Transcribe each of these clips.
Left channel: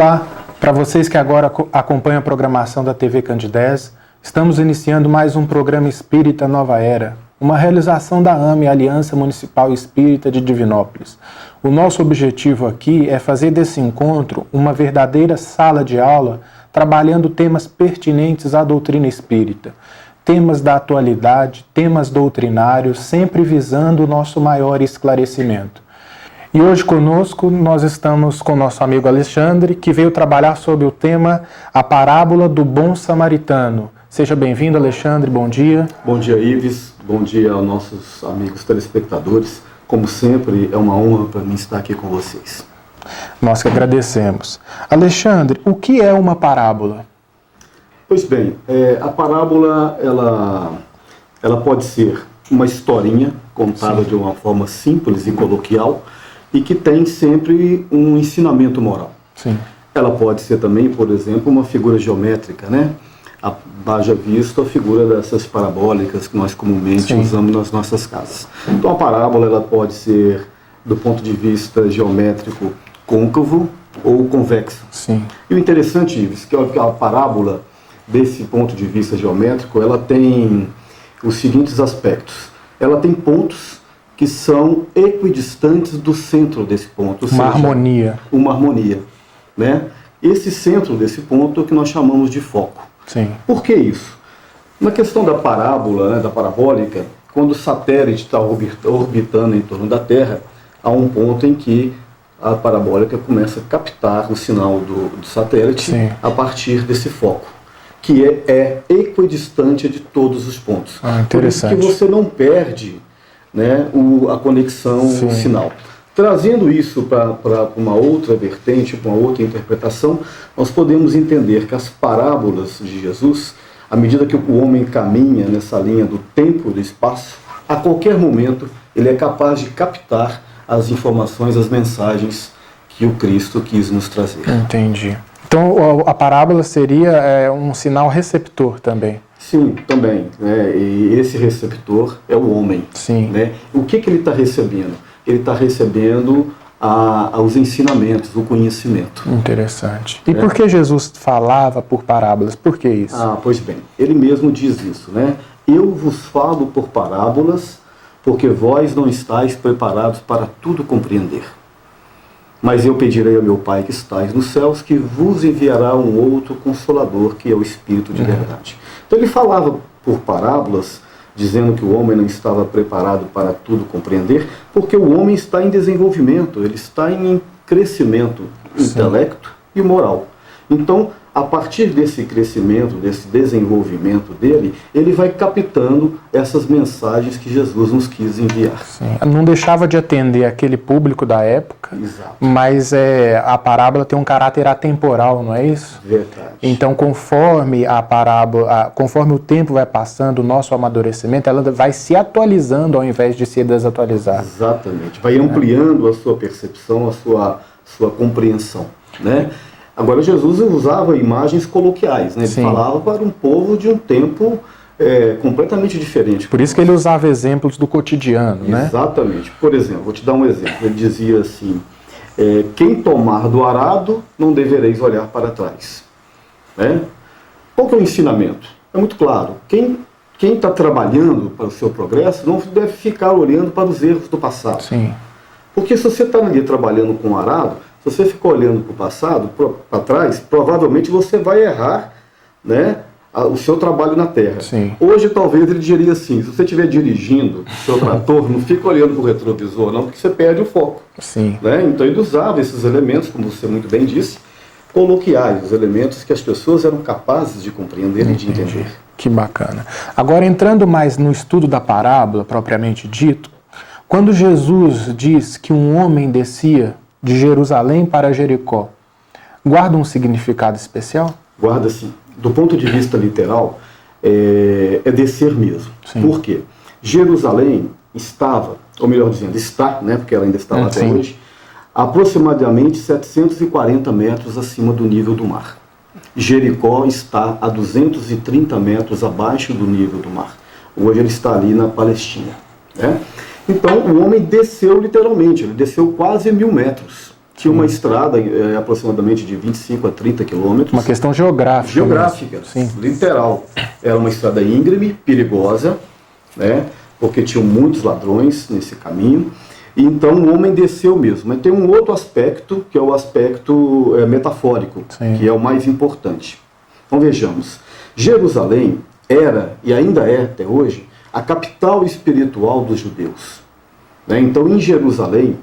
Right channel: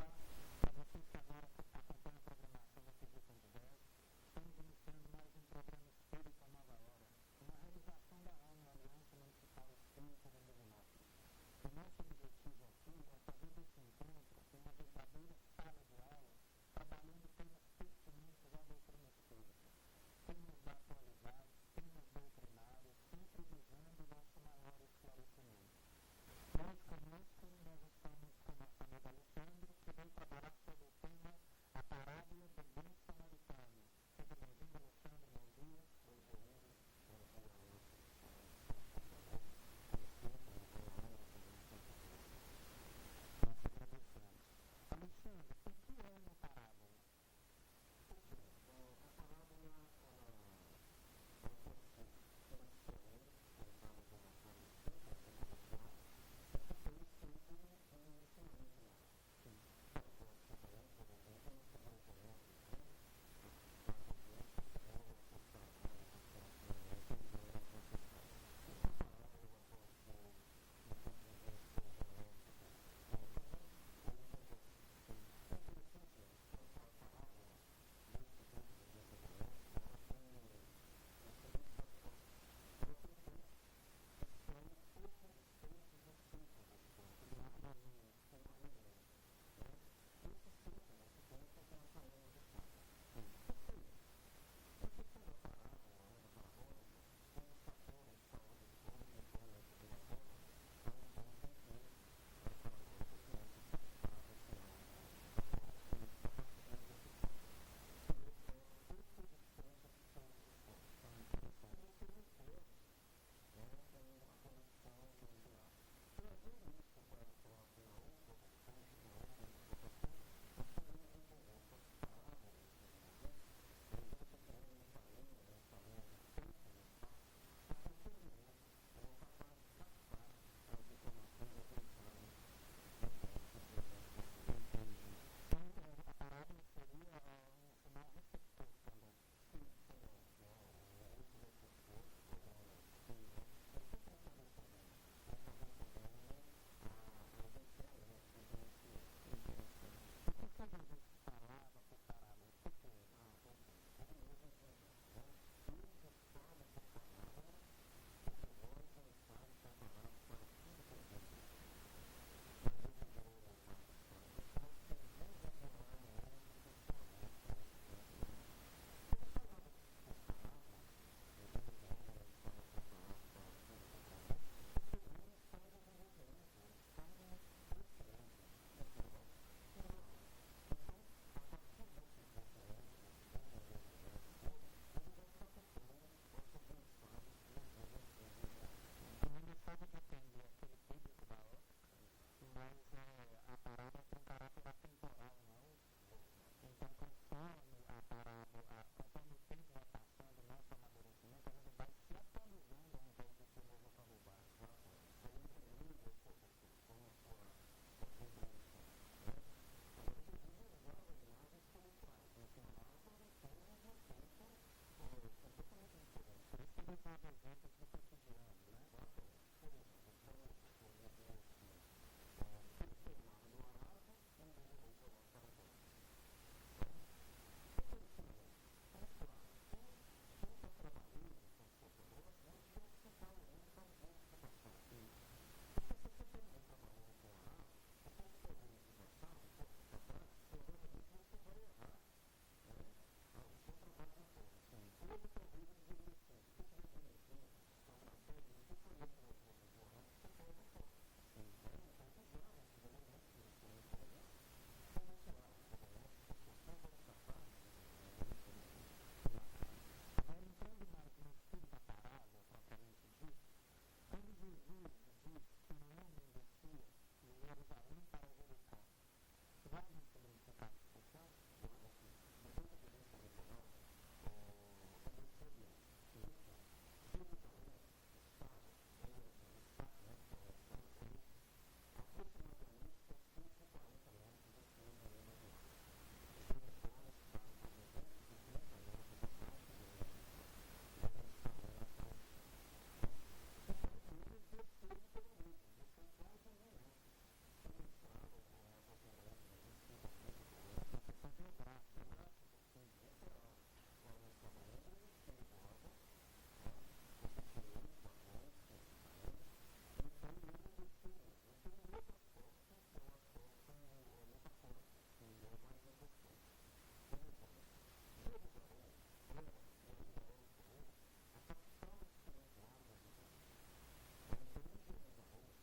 Olá, para vocês que agora acompanham a programação da TV Candidez, estamos iniciando mais um programa Espírita Nova Era, uma realização da AME, Aliança Municipal Espírita de Divinópolis. O nosso objetivo aqui é fazer desse encontro uma verdadeira sala de aula, trabalhando temas pertinentes à doutrina espírita, temas da atualidade, temas doutrinários, sempre visando o nosso maior esclarecimento. E hoje conosco nós estamos com o nosso amigo Alexandre, que veio trabalhar sobre o tema A Parábola do Bom Samaritano. Seja bem-vindo, Alexandre, bom dia. Bom dia, Ives, bom dia aos nossos amigos telespectadores. Como sempre, é uma honra para mim estar aqui com vocês. Nós que agradecemos. Alexandre, o que é uma parábola? Pois bem, a parábola ela pode ser uma historinha contada de uma forma simples e coloquial, e que tem sempre um ensinamento moral. Sim. Ela pode ser também, por exemplo, uma figura geométrica, né? Haja visto a figura dessas parabólicas que nós comumente usamos nas nossas casas. Então a parábola ela pode ser, do ponto de vista geométrico, côncavo ou convexo. Sim. E o interessante, Ives, que a parábola, desse ponto de vista geométrico, ela tem os seguintes aspectos. Ela tem pontos que são equidistantes do centro desse ponto. Uma harmonia. Uma harmonia, né? Esse centro desse ponto é o que nós chamamos de foco. Sim. Por que isso? Na questão da parábola, né, da parabólica, quando o satélite está orbitando em torno da Terra, há um ponto em que a parabólica começa a captar o sinal do satélite a partir desse foco, que é equidistante de todos os pontos. Interessante. Por isso que você não perde, né, a conexão, o sinal. Trazendo isso para uma outra vertente, para uma outra interpretação, nós podemos entender que as parábolas de Jesus, à medida que o homem caminha nessa linha do tempo e do espaço, a qualquer momento ele é capaz de captar as informações, as mensagens que o Cristo quis nos trazer. Entendi. Então a parábola seria um sinal receptor também. Sim, também. Né? E esse receptor é o homem. Sim. Né? O que ele está recebendo? Ele está recebendo os ensinamentos, o conhecimento. Interessante. E por que Jesus falava por parábolas? Por que isso? Pois bem, ele mesmo diz isso, né? Eu vos falo por parábolas, porque vós não estáis preparados para tudo compreender. Mas eu pedirei ao meu Pai que estais nos céus, que vos enviará um outro Consolador, que é o Espírito de verdade. Então ele falava por parábolas, dizendo que o homem não estava preparado para tudo compreender, porque o homem está em desenvolvimento, ele está em crescimento intelecto e moral. Então, a partir desse crescimento, desse desenvolvimento dele, ele vai captando essas mensagens que Jesus nos quis enviar. Sim. Não deixava de atender aquele público da época, mas a parábola tem um caráter atemporal, não é isso? Verdade. Então, conforme a parábola, conforme o tempo vai passando, o nosso amadurecimento, ela vai se atualizando ao invés de se desatualizar. Exatamente. Vai ampliando a sua percepção, a sua compreensão, né? Agora, Jesus usava imagens coloquiais, né? Ele falava para um povo de um tempo completamente diferente. Por isso que ele usava exemplos do cotidiano, né? Exatamente. Por exemplo, vou te dar um exemplo. Ele dizia assim, quem tomar do arado, não devereis olhar para trás. Né? Qual que é o ensinamento? É muito claro. Quem está trabalhando para o seu progresso não deve ficar olhando para os erros do passado. Sim. Porque se você está ali trabalhando com o arado, se você ficar olhando para o passado, para trás, provavelmente você vai errar, né, o seu trabalho na terra. Sim. Hoje, talvez, ele diria assim, se você estiver dirigindo o seu trator, não fica olhando para o retrovisor, não, porque você perde o foco. Sim. Né? Então, ele usava esses elementos, como você muito bem disse, coloquiais, os elementos que as pessoas eram capazes de compreender e de entender. Que bacana. Agora, entrando mais no estudo da parábola, propriamente dito, quando Jesus diz que um homem descia de Jerusalém para Jericó, guarda um significado especial? Guarda sim. Do ponto de vista literal, é descer mesmo. Sim. Por quê? Jerusalém estava, ou melhor dizendo, está, né, porque ela ainda está lá até hoje, aproximadamente 740 metros acima do nível do mar. Jericó está a 230 metros abaixo do nível do mar. Hoje ele está ali na Palestina. Né? Então o homem desceu literalmente, ele desceu quase 1000 metros. Tinha uma estrada aproximadamente de 25 a 30 quilômetros. Uma questão geográfica. Geográfica, literal. Era uma estrada íngreme, perigosa, né? Porque tinham muitos ladrões nesse caminho. E então o homem desceu mesmo. Mas tem um outro aspecto, que é o aspecto metafórico, que é o mais importante. Então vejamos. Jerusalém era, e ainda é até hoje, a capital espiritual dos judeus. Né? Então em Jerusalém,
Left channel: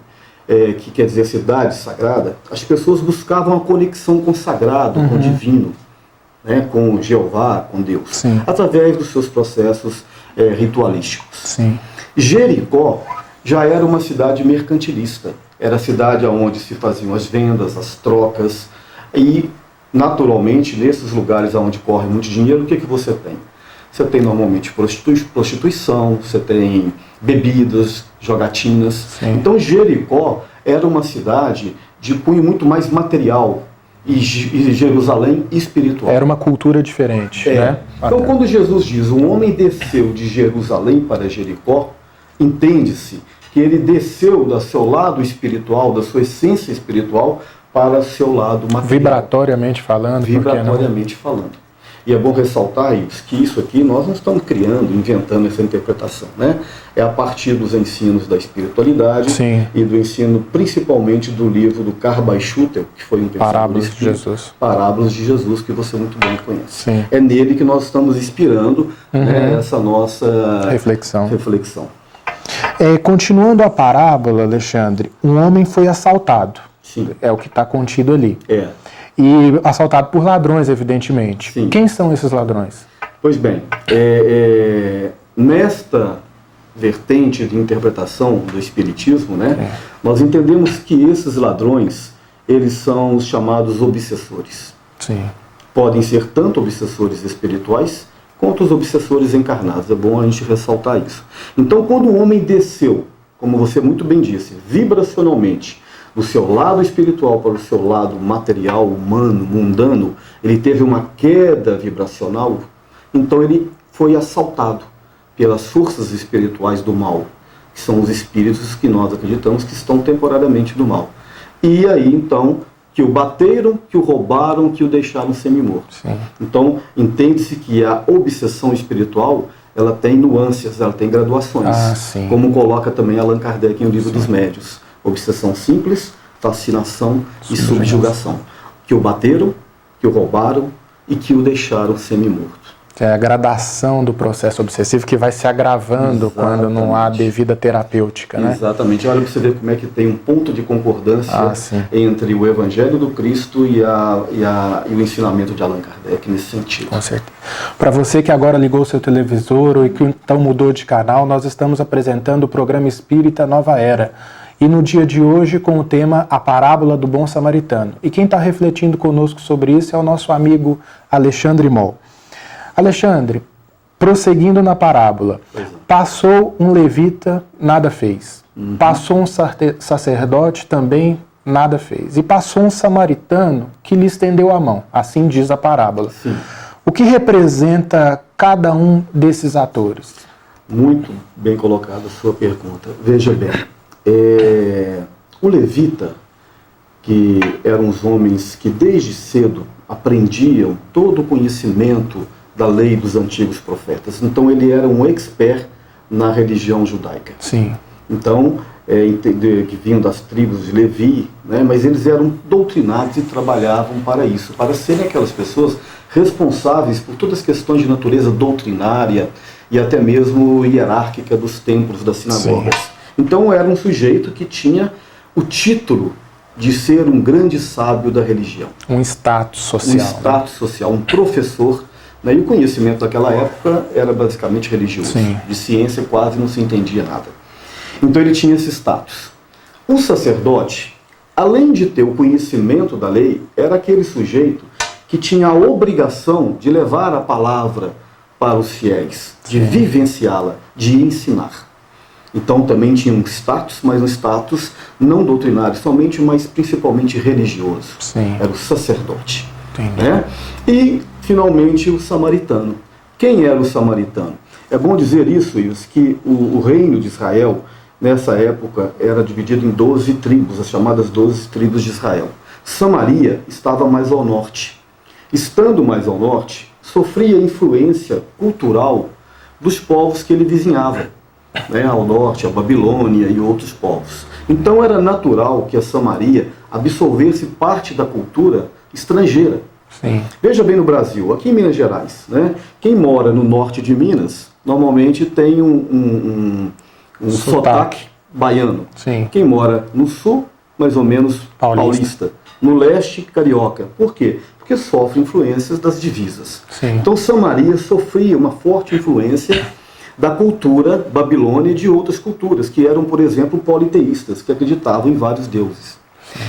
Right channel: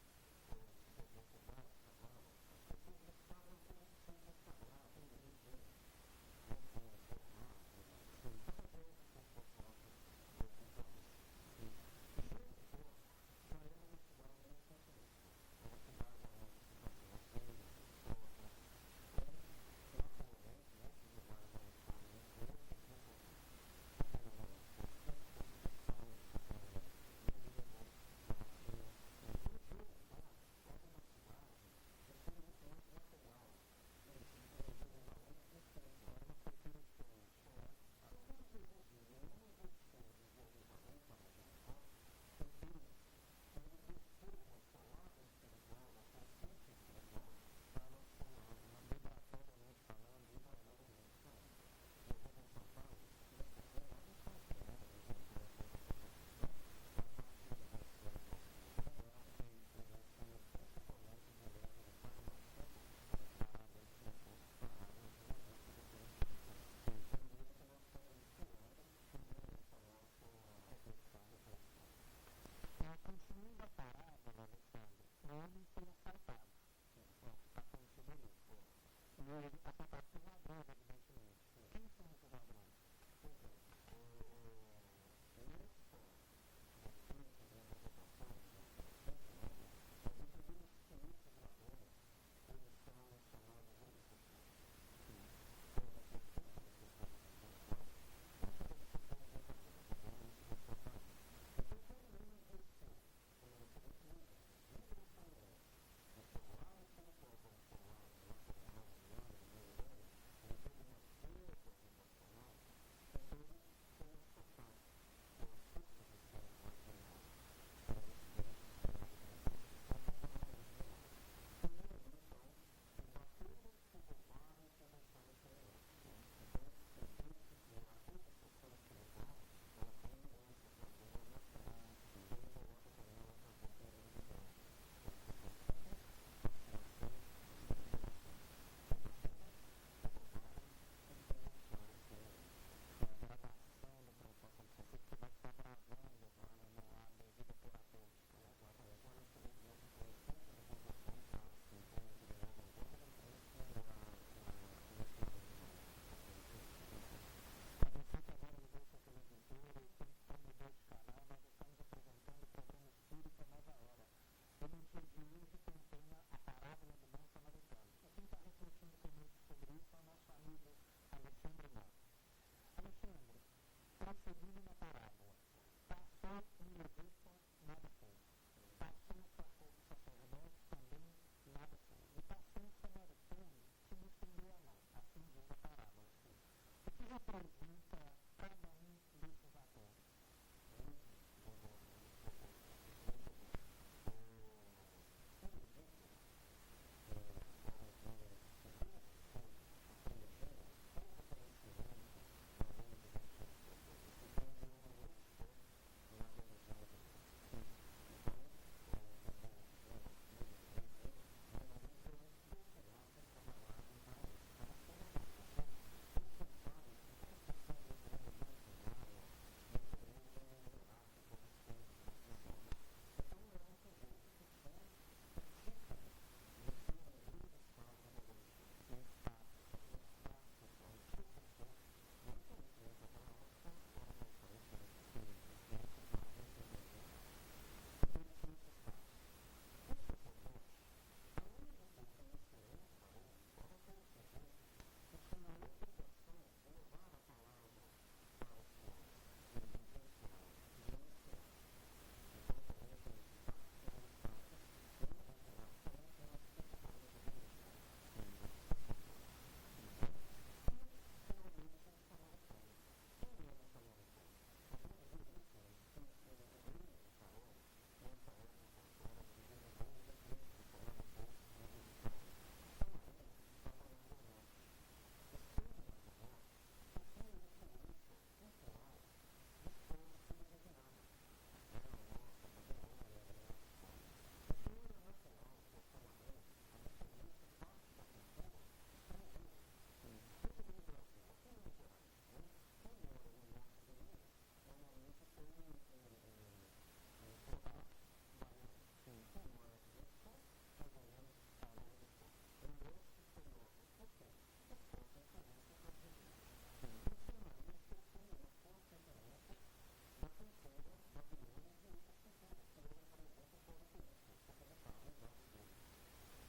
que quer dizer cidade sagrada, as pessoas buscavam a conexão com o sagrado, com o divino, né? Com Jeová, com Deus, através dos seus processos ritualísticos. Sim. Jericó já era uma cidade mercantilista, era a cidade onde se faziam as vendas, as trocas, e naturalmente nesses lugares onde corre muito dinheiro, o que você tem? Você tem normalmente prostituição, você tem bebidas, jogatinas. Sim. Então Jericó era uma cidade de cunho muito mais material e Jerusalém espiritual. Era uma cultura diferente, né? Então quando Jesus diz, um homem desceu de Jerusalém para Jericó, entende-se que ele desceu do seu lado espiritual, da sua essência espiritual, para o seu lado material. Vibratoriamente falando. Vibratoriamente falando. E é bom ressaltar isso, que isso aqui nós não estamos criando, inventando essa interpretação, né? É a partir dos ensinos da espiritualidade e do ensino principalmente do livro do Carl Schutter, que foi um pensador Parábolas de Jesus. Parábolas de Jesus, que você muito bem conhece. Sim. É nele que nós estamos inspirando essa nossa reflexão. Continuando a parábola, Alexandre, um homem foi assaltado. Sim. É o que está contido ali. E assaltado por ladrões, evidentemente. Sim. Quem são esses ladrões? Pois bem, nesta vertente de interpretação do Espiritismo, né, nós entendemos que esses ladrões, eles são os chamados obsessores. Sim. Podem ser tanto obsessores espirituais, quanto os obsessores encarnados. É bom a gente ressaltar isso. Então, quando o homem desceu, como você muito bem disse, vibracionalmente, do seu lado espiritual para o seu lado material, humano, mundano, ele teve uma queda vibracional, então ele foi assaltado pelas forças espirituais do mal, que são os espíritos que nós acreditamos que estão temporariamente do mal. E aí, então, que o bateram, que o roubaram, que o deixaram semi-morto. Então, entende-se que a obsessão espiritual, ela tem nuances, ela tem graduações, como coloca também Allan Kardec em O Livro dos Médios. Obsessão simples, fascinação e subjugação. Que o bateram, que o roubaram e que o deixaram semi-morto. É a gradação do processo obsessivo que vai se agravando quando não há devida terapêutica, né? Exatamente. Olha para você ver como é que tem um ponto de concordância entre o Evangelho do Cristo e o ensinamento de Allan Kardec nesse sentido. Com certeza. Para você que agora ligou o seu televisor e que então mudou de canal, nós estamos apresentando o programa Espírita Nova Era. E no dia de hoje com o tema A Parábola do Bom Samaritano. E quem está refletindo conosco sobre isso é o nosso amigo Alexandre Moll. Alexandre, prosseguindo na parábola, passou um levita, nada fez. Passou um sacerdote, também nada fez. E passou um samaritano que lhe estendeu a mão, assim diz a parábola. O que representa cada um desses atores? Muito bem colocada a sua pergunta. Veja bem, o levita, que eram os homens que desde cedo aprendiam todo o conhecimento da lei dos antigos profetas. Então ele era um expert na religião judaica. Então, que vinham das tribos de Levi, né, mas eles eram doutrinados e trabalhavam para isso, para serem aquelas pessoas responsáveis por todas as questões de natureza doutrinária e até mesmo hierárquica dos templos das sinagogas. Então era um sujeito que tinha o título de ser um grande sábio da religião. Um status social. Um status social, um professor. Né? E o conhecimento daquela época era basicamente religioso. De ciência quase não se entendia nada. Então ele tinha esse status. O sacerdote, além de ter o conhecimento da lei, era aquele sujeito que tinha a obrigação de levar a palavra para os fiéis, de vivenciá-la, de ensinar. Então também tinha um status, mas um status não doutrinário somente, mas principalmente religioso. Era o sacerdote. Né? E, finalmente, o samaritano. Quem era o samaritano? É bom dizer isso, que o reino de Israel, nessa época, era dividido em 12 tribos, as chamadas 12 tribos de Israel. Samaria estava mais ao norte. Estando mais ao norte, sofria influência cultural dos povos que ele vizinhava, né, ao norte, a Babilônia e outros povos. Então era natural que a Samaria absorvesse parte da cultura estrangeira. Sim. Veja bem no Brasil, aqui em Minas Gerais, né, quem mora no norte de Minas, normalmente tem um sotaque baiano. Sim. Quem mora no sul, mais ou menos paulista. No leste, carioca. Por quê? Porque sofre influências das divisas. Sim. Então Samaria sofria uma forte influência da cultura babilônia e de outras culturas, que eram, por exemplo, politeístas, que acreditavam em vários deuses.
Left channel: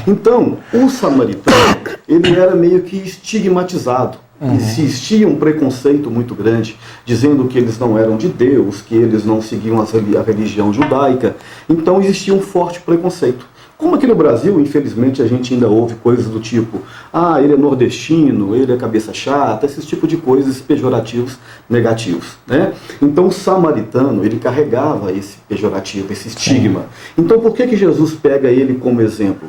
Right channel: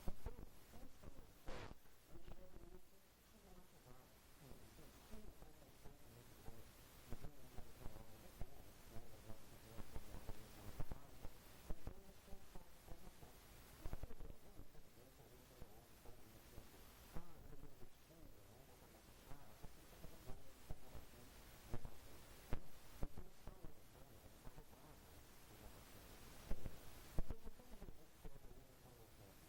Então, o samaritano, ele era meio que estigmatizado. Existia um preconceito muito grande, dizendo que eles não eram de Deus, que eles não seguiam a religião judaica. Então existia um forte preconceito. Como aqui no Brasil, infelizmente, a gente ainda ouve coisas do tipo, ele é nordestino, ele é cabeça chata, esse tipo de coisas pejorativos, negativos, né? Então o samaritano, ele carregava esse pejorativo, esse estigma. Então por que Jesus pega ele como exemplo?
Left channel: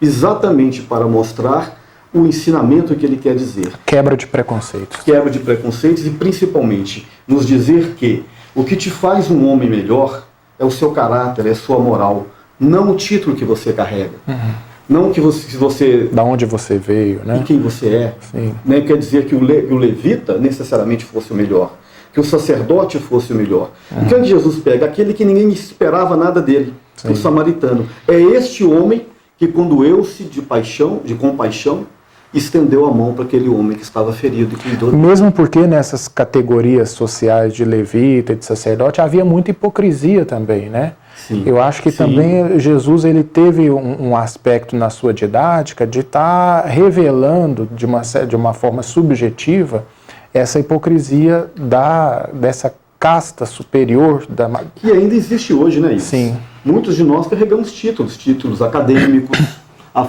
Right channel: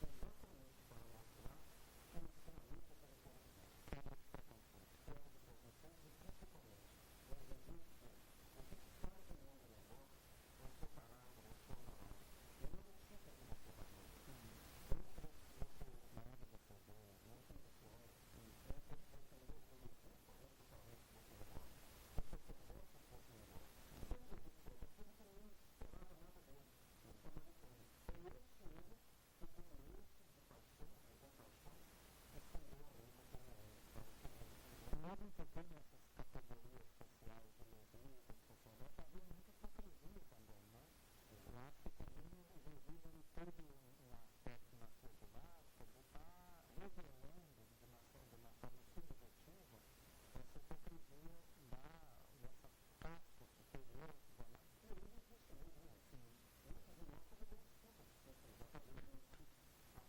Exatamente para mostrar o ensinamento que ele quer dizer. Quebra de preconceitos. Quebra de preconceitos e principalmente nos dizer que o que te faz um homem melhor é o seu caráter, é a sua moral, não o título que você carrega. Não que você... Da onde você veio, né? E quem você é. Sim. Né? Quer dizer que o levita necessariamente fosse o melhor, que o sacerdote fosse o melhor. Então que Jesus pega aquele que ninguém esperava nada dele, o samaritano. É este homem que condoeu-se de compaixão, estendeu a mão para aquele homem que estava ferido e cuidou dele. Mesmo porque nessas categorias sociais de levita e de sacerdote havia muita hipocrisia também, né? Sim. Eu acho que também Jesus ele teve um aspecto na sua didática de estar revelando de uma forma subjetiva essa hipocrisia dessa casta superior. Que ainda existe hoje, né, isso? Sim. Muitos de nós carregamos títulos acadêmicos.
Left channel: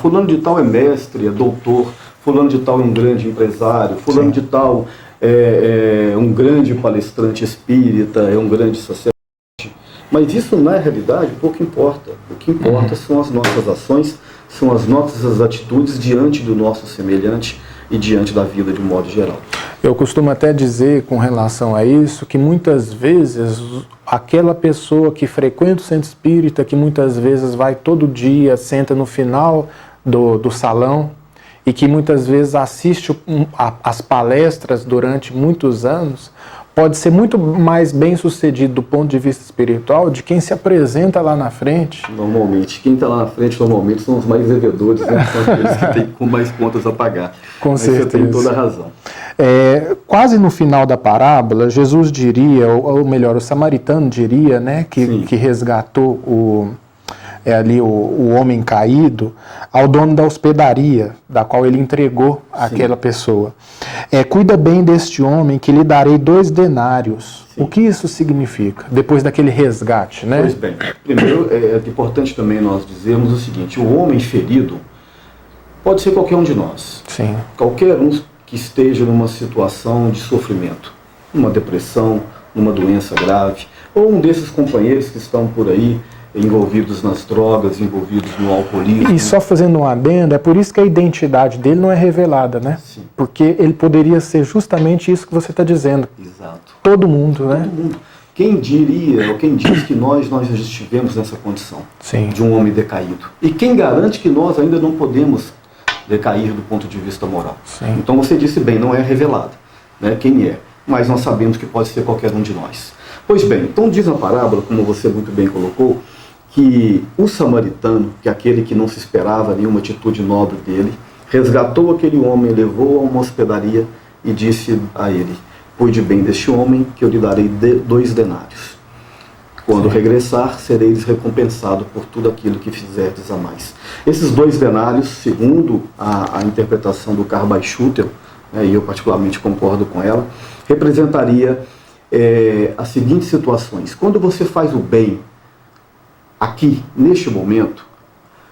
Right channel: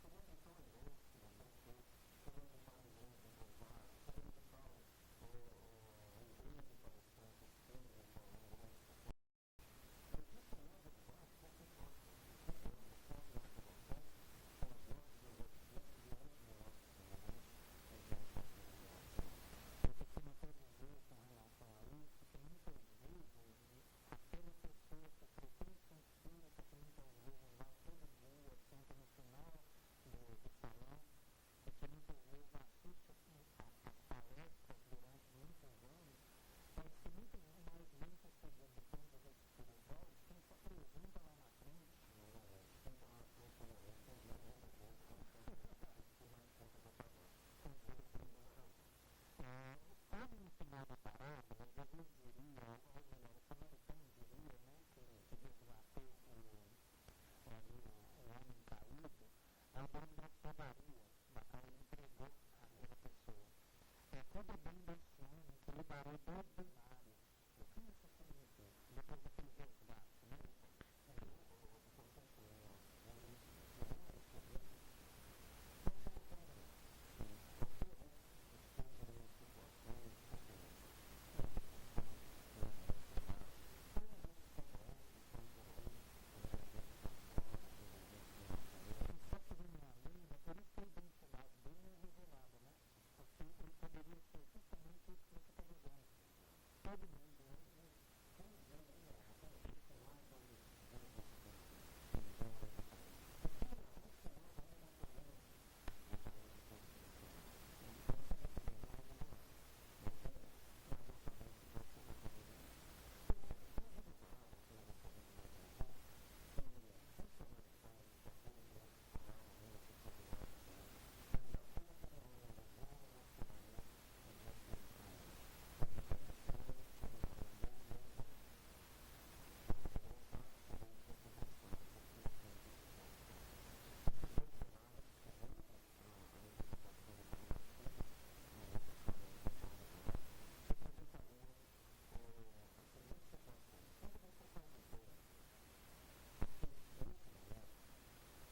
Fulano de tal é mestre, é doutor, fulano de tal é um grande empresário, fulano de tal é um grande palestrante espírita, é um grande sacerdote. Mas isso, na realidade, pouco importa. O que importa são as nossas ações, são as nossas atitudes diante do nosso semelhante e diante da vida de um modo geral. Eu costumo até dizer com relação a isso que muitas vezes aquela pessoa que frequenta o centro espírita, que muitas vezes vai todo dia, senta no final do salão e que muitas vezes assiste as palestras durante muitos anos, pode ser muito mais bem sucedido do ponto de vista espiritual de quem se apresenta lá na frente. Normalmente, quem está lá na frente normalmente são os mais devedores, né? São aqueles que têm com mais contas a pagar. Com certeza. Você tem toda a razão. Quase no final da parábola, Jesus diria, ou melhor, o samaritano diria, né, que resgatou o homem caído ao dono da hospedaria, da qual ele entregou aquela pessoa. Cuida bem deste homem que lhe darei 2 denários. Sim. O que isso significa, depois daquele resgate, né? Pois bem, primeiro é importante também nós dizermos o seguinte, o homem ferido pode ser qualquer um de nós. Sim. Qualquer um que esteja numa situação de sofrimento, numa depressão, numa doença grave, ou um desses companheiros que estão por aí envolvidos nas drogas, envolvidos no alcoolismo. E só fazendo um adendo, é por isso que a identidade dele não é revelada, né? Sim. Porque ele poderia ser justamente isso que você está dizendo. Exato. Todo mundo, né? Todo mundo. Quem diria, ou quem diz que nós já estivemos nessa condição de um homem decaído? E quem garante que nós ainda não podemos decair do ponto de vista moral? Sim. Então você disse bem, não é revelado, né, quem é, mas nós sabemos que pode ser qualquer um de nós. Pois bem, então diz a parábola, como você muito bem colocou, que o samaritano, que é aquele que não se esperava nenhuma atitude nobre dele, resgatou aquele homem, levou a uma hospedaria e disse a ele, cuide bem deste homem, que eu lhe darei 2 denários. Quando regressar, sereis recompensado por tudo aquilo que fizerdes a mais. Esses 2 denários, segundo a interpretação do Carl Schutel, e eu particularmente concordo com ela, representaria as seguintes situações. Quando você faz o bem aqui, neste momento,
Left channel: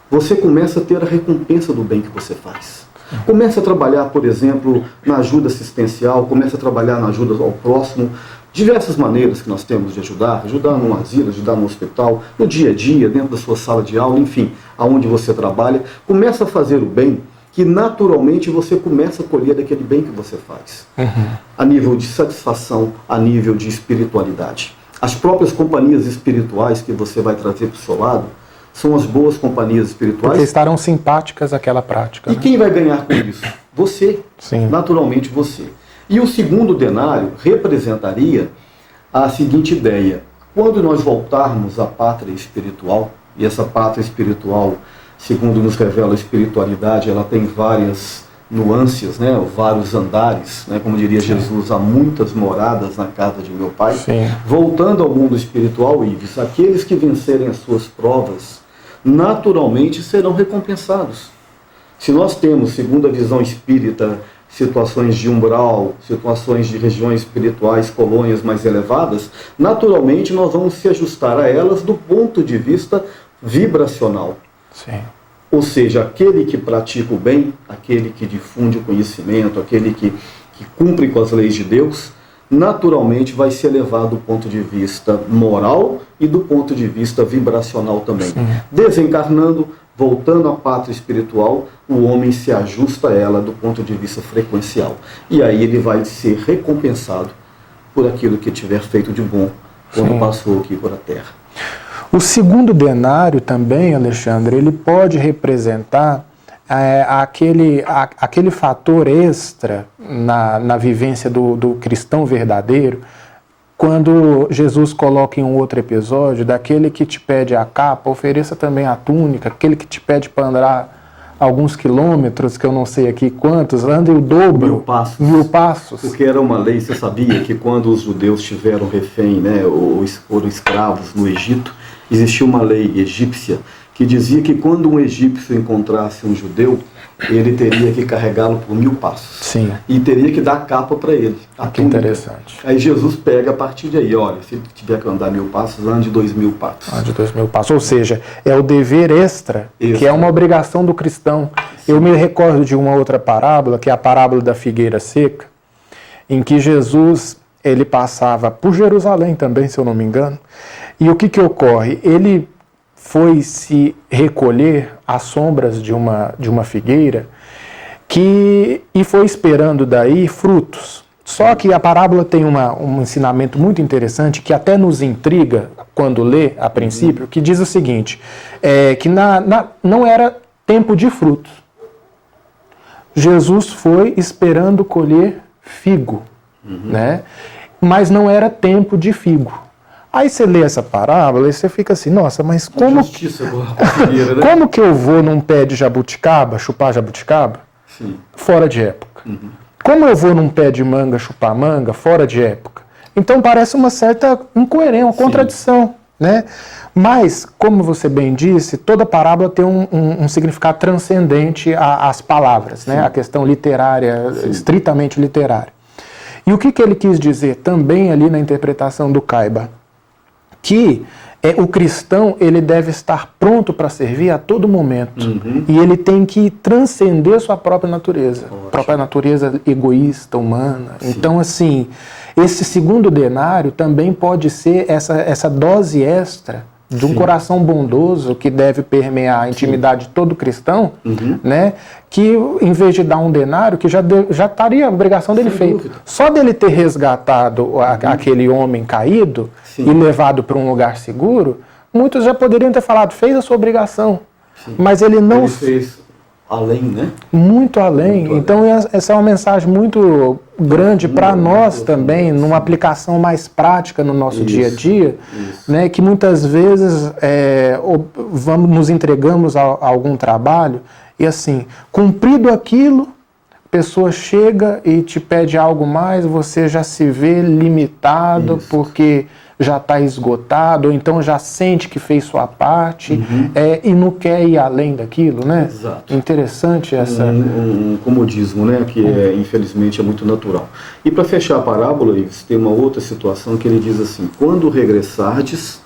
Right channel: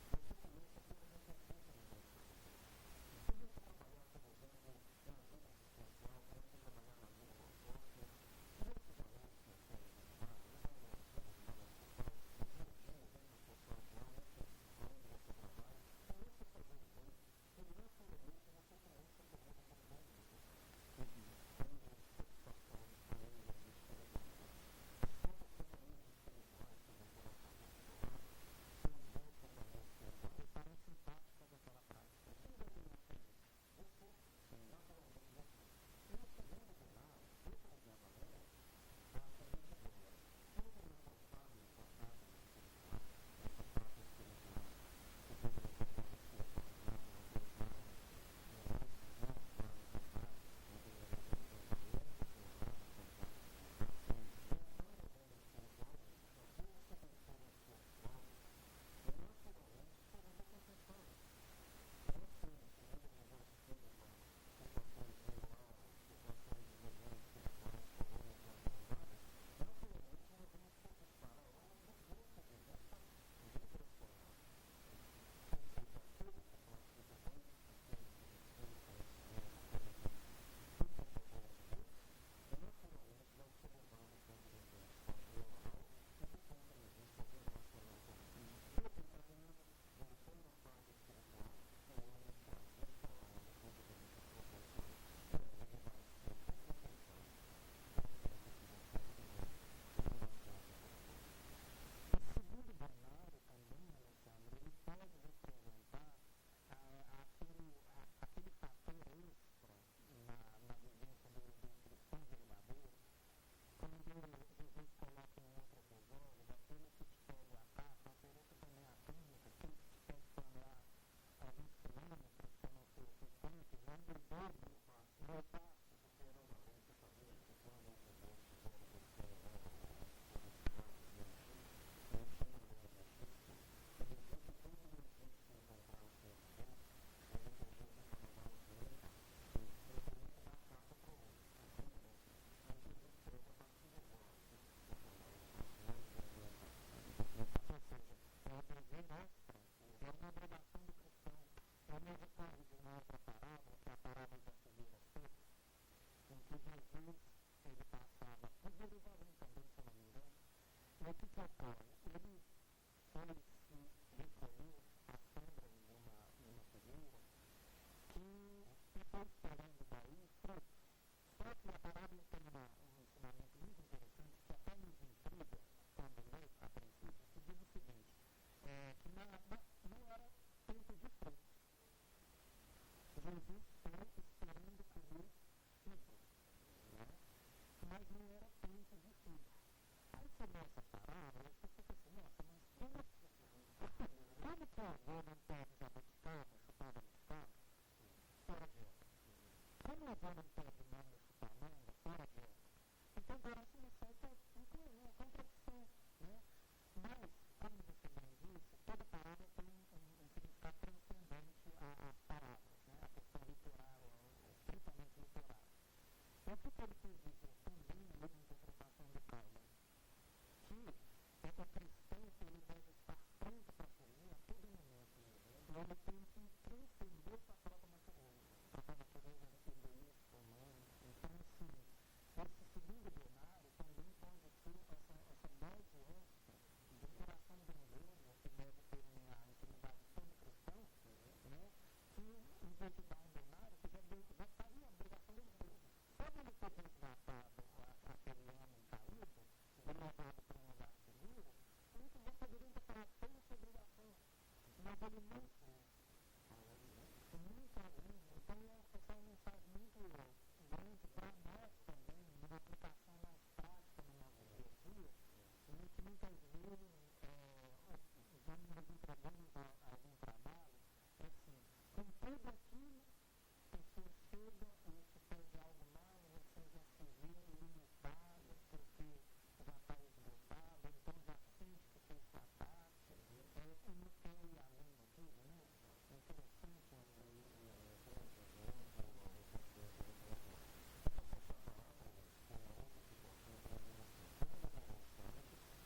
você começa a ter a recompensa do bem que você faz. Começa a trabalhar, por exemplo, na ajuda assistencial, começa a trabalhar na ajuda ao próximo, Diversas maneiras que nós temos de ajudar num asilo, ajudar no hospital, no dia a dia, dentro da sua sala de aula, enfim, aonde você trabalha. Começa a fazer o bem, que naturalmente você começa a colher daquele bem que você faz. A nível de satisfação, a nível de espiritualidade. As próprias companhias espirituais que você vai trazer para o seu lado, são as boas companhias espirituais. Porque estarão simpáticas àquela prática. E quem vai ganhar com isso? Você. Sim. Naturalmente você. E o segundo denário representaria a seguinte ideia. Quando nós voltarmos à pátria espiritual, e essa pátria espiritual, segundo nos revela a espiritualidade, ela tem várias nuances, né? Vários andares, né? Como diria Jesus, há muitas moradas na casa de meu Pai. Sim. Voltando ao mundo espiritual, Ives, aqueles que vencerem as suas provas, naturalmente serão recompensados. Se nós temos, segundo a visão espírita, situações de umbral, situações de regiões espirituais, colônias mais elevadas, naturalmente nós vamos se ajustar a elas do ponto de vista vibracional. Sim. Ou seja, aquele que pratica o bem, aquele que difunde o conhecimento, aquele que cumpre com as leis de Deus, naturalmente vai se elevar do ponto de vista moral e do ponto de vista vibracional também. Sim. Desencarnando, voltando à pátria espiritual, o homem se ajusta a ela do ponto de vista frequencial. E aí ele vai ser recompensado por aquilo que tiver feito de bom quando passou aqui por a Terra. O segundo denário também, Alexandre, ele pode representar aquele fator extra na vivência do cristão verdadeiro, quando Jesus coloca em um outro episódio, daquele que te pede a capa, ofereça também a túnica, aquele que te pede para andar alguns quilômetros, que eu não sei aqui quantos, ande o dobro, 1000 passos. Porque era uma lei, você sabia que quando os judeus tiveram refém, né, ou foram escravos no Egito, existia uma lei egípcia que dizia que quando um egípcio encontrasse um judeu, ele teria que carregá-lo por 1000 passos. Sim. E teria que dar capa para ele. Que interessante. Aí Jesus pega a partir de aí, olha, se ele tiver que andar 1000 passos, ande 2000 passos. Ande 2000 passos. Ou seja, é o dever extra, que é uma obrigação do cristão. Sim. Eu me recordo de uma outra parábola, que é a parábola da figueira seca, em que Jesus, ele passava por Jerusalém também, se eu não me engano. E o que ocorre? Ele foi se recolher às sombras de uma figueira e foi esperando daí frutos. Só que a parábola tem um ensinamento muito interessante que até nos intriga quando lê a princípio, que diz o seguinte, que não era tempo de frutos. Jesus foi esperando colher figo, né? Mas não era tempo de figo. Aí você lê essa parábola e você fica assim, nossa, mas como que eu vou num pé de jabuticaba, chupar jabuticaba? Sim. Fora de época. Como eu vou num pé de manga, chupar manga? Fora de época. Então parece uma certa incoerência, uma contradição, né? Mas, como você bem disse, toda parábola tem um significado transcendente às palavras, né? A questão literária, estritamente literária. E o que ele quis dizer também ali na interpretação do Caiba? Que o cristão ele deve estar pronto para servir a todo momento. E ele tem que transcender sua própria natureza. Própria natureza egoísta, humana. Sim. Então, assim, esse segundo denário também pode ser essa dose extra de um coração bondoso que deve permear a intimidade de todo cristão, né? Que em vez de dar um denário, que já estaria a obrigação dele feita. Só dele ter resgatado aquele homem caído e levado para um lugar seguro, muitos já poderiam ter falado, fez a sua obrigação. Mas ele não... Ele fez além, né? Muito além. Então essa é uma mensagem muito grande para nós também, numa aplicação mais prática no nosso dia a dia, né? Que muitas vezes nos entregamos a algum trabalho e assim, cumprido aquilo, a pessoa chega e te pede algo mais, você já se vê limitado porque já está esgotado, ou então já sente que fez sua parte e não quer ir além daquilo, né? Exato. Interessante essa... Um comodismo, né? Que infelizmente é muito natural. E para fechar a parábola, tem uma outra situação que ele diz assim, quando regressardes,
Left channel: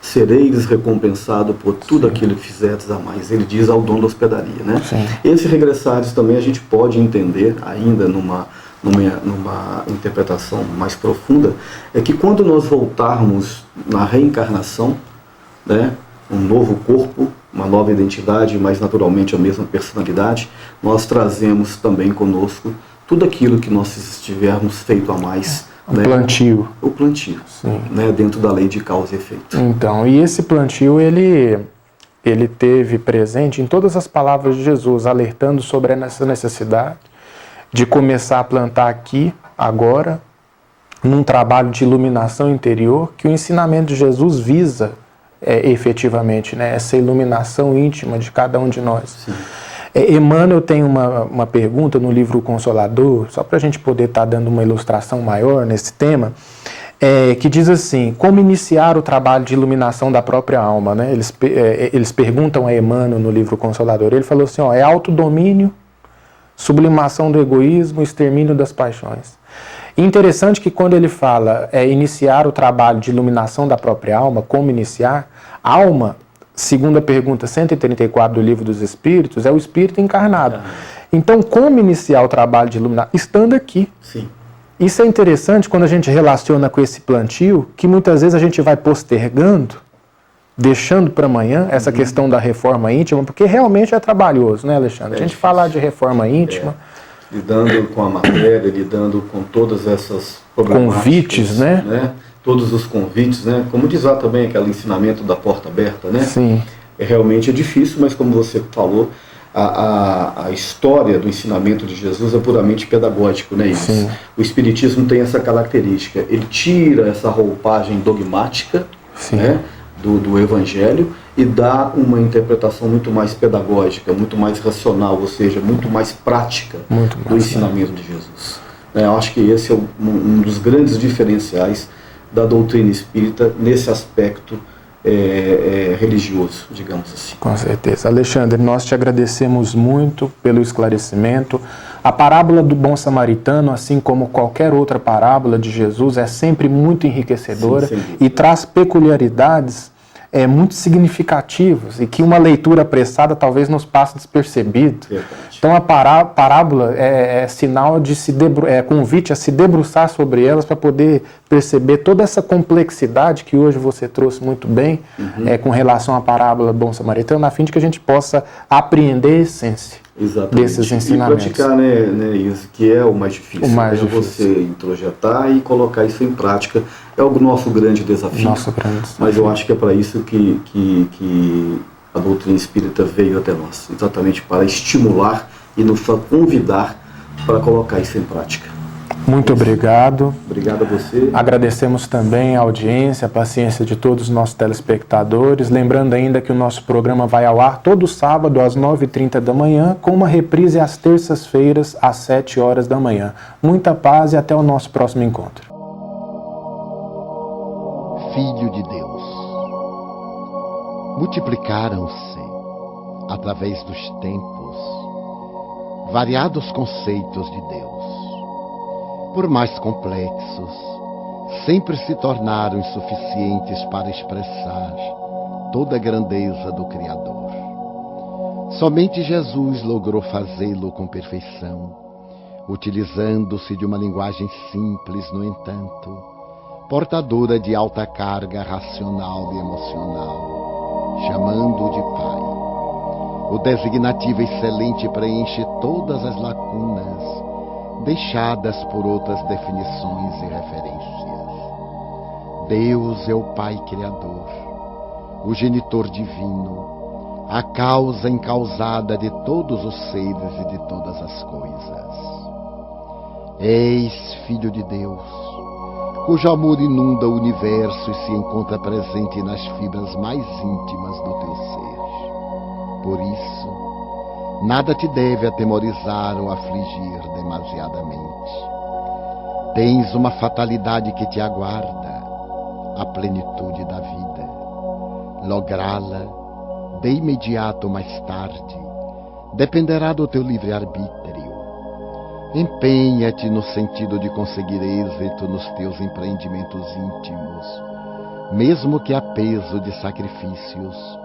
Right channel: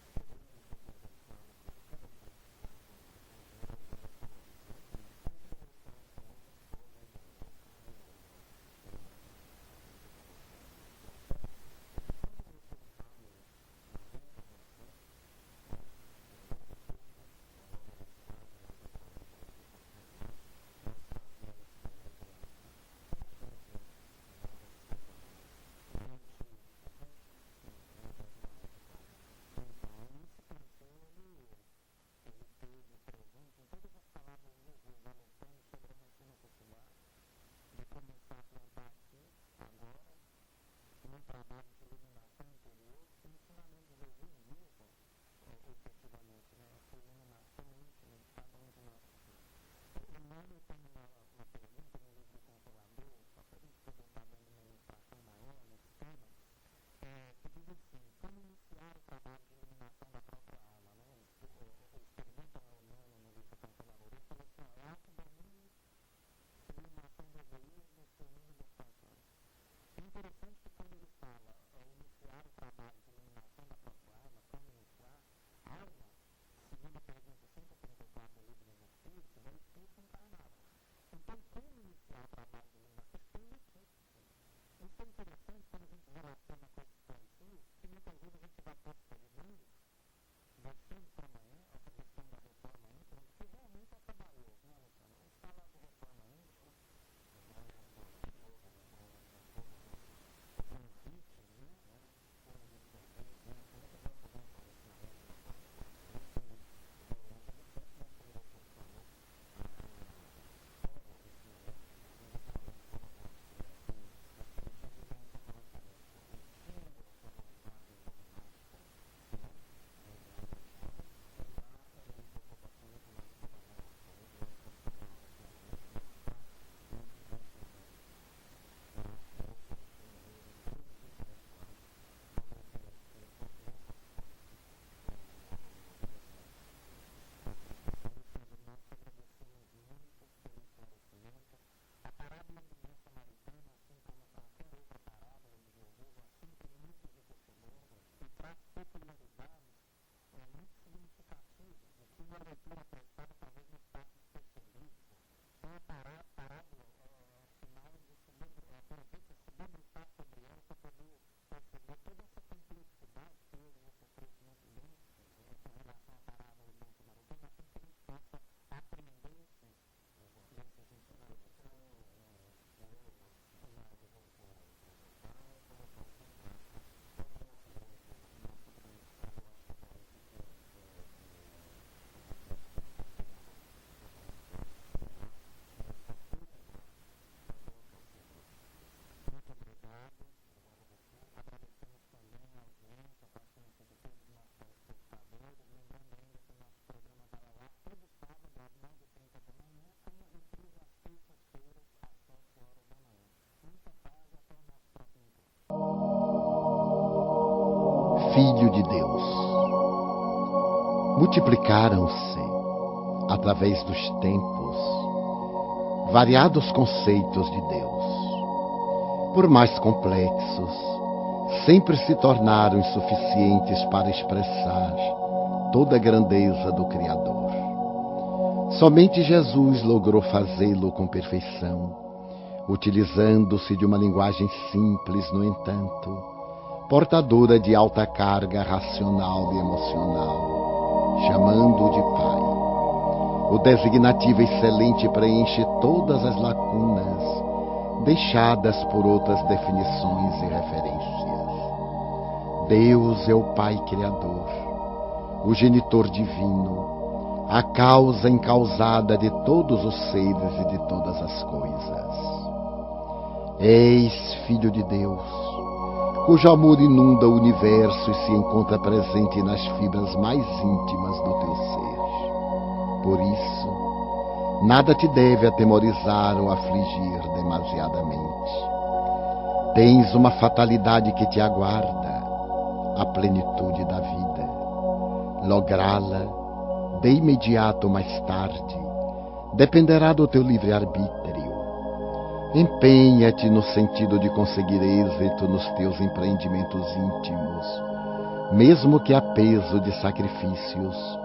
sereis recompensado por tudo aquilo que fizerdes a mais. Ele diz ao dono da hospedaria, né? Sim. Esse regressardes também a gente pode entender ainda numa interpretação mais profunda, é que quando nós voltarmos na reencarnação, né, um novo corpo, uma nova identidade, mas naturalmente a mesma personalidade, nós trazemos também conosco tudo aquilo que nós tivermos feito a mais. O plantio. O plantio, né, dentro da lei de causa e efeito. Então, e esse plantio, ele teve presente em todas as palavras de Jesus, alertando sobre essa necessidade de começar a plantar aqui, agora, num trabalho de iluminação interior, que o ensinamento de Jesus visa efetivamente, né, essa iluminação íntima de cada um de nós. Emmanuel tem uma pergunta no livro O Consolador, só para a gente poder estar dando uma ilustração maior nesse tema, que diz assim: como iniciar o trabalho de iluminação da própria alma, né? Eles perguntam a Emmanuel no livro O Consolador. Ele falou assim, é autodomínio, sublimação do egoísmo, extermínio das paixões. E interessante que quando ele fala iniciar o trabalho de iluminação da própria alma, como iniciar, alma, segundo a pergunta 134 do Livro dos Espíritos, é o espírito encarnado. Então, como iniciar o trabalho de iluminação? Estando aqui. Sim. Isso é interessante quando a gente relaciona com esse plantio, que muitas vezes a gente vai postergando, deixando para amanhã essa questão da reforma íntima, porque realmente é trabalhoso, né, Alexandre? A gente falar de reforma íntima... Lidando com a matéria, lidando com todas essas problemáticas. Convites, né? Todos os convites, né? Como diz lá também aquele ensinamento da porta aberta, né? Sim. Realmente é difícil, mas como você falou, a história do ensinamento de Jesus é puramente pedagógico, né? Sim. O Espiritismo tem essa característica, ele tira essa roupagem dogmática, né, do Evangelho e dá uma interpretação muito mais pedagógica, muito mais racional, ou seja, muito mais prática do ensinamento de Jesus. Eu acho que esse é um dos grandes diferenciais da doutrina espírita nesse aspecto religioso, digamos assim. Com certeza. Alexandre, nós te agradecemos muito pelo esclarecimento. A parábola do bom samaritano, assim como qualquer outra parábola de Jesus, é sempre muito enriquecedora e traz peculiaridades muito significativas e que uma leitura apressada talvez nos passe despercebido. Então a parábola é sinal de convite a se debruçar sobre elas para poder perceber toda essa complexidade que hoje você trouxe muito bem com relação à parábola do bom samaritano, a fim de que a gente possa apreender a essência desses ensinamentos. E praticar, né, isso que é o mais difícil. Você introjetar e colocar isso em prática. É o nosso grande desafio. Mas eu acho que é para isso que a doutrina espírita veio até nós. Exatamente para estimular e nos convidar para colocar isso em prática. Muito obrigado. Obrigado a você. Agradecemos também a audiência, a paciência de todos os nossos telespectadores. Lembrando ainda que o nosso programa vai ao ar todo sábado às 9h30 da manhã, com uma reprise às terças-feiras às 7 horas da manhã. Muita paz e até o nosso próximo encontro. Filho de Deus, multiplicaram-se, através dos tempos, variados conceitos de Deus. Por mais complexos, sempre se tornaram insuficientes para expressar toda a grandeza do Criador. Somente Jesus logrou fazê-lo com perfeição, utilizando-se de uma linguagem simples, no entanto, portadora de alta carga racional e emocional, chamando-o de Pai. O designativo excelente preenche todas as lacunas deixadas por outras definições e referências. Deus é o Pai Criador, o genitor divino, a causa incausada de todos os seres e de todas as coisas. És Filho de Deus, cujo amor inunda o universo e se encontra presente nas fibras mais íntimas do teu ser. Por isso, nada te deve atemorizar ou afligir demasiadamente. Tens uma fatalidade que te aguarda, a plenitude da vida. Lográ-la, de imediato ou mais tarde, dependerá do teu livre-arbítrio. Empenha-te no sentido de conseguir êxito nos teus empreendimentos íntimos, mesmo que a peso de sacrifícios,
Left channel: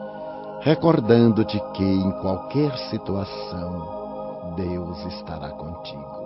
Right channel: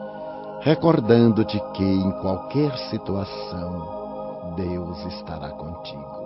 recordando-te que, em qualquer situação, Deus estará contigo.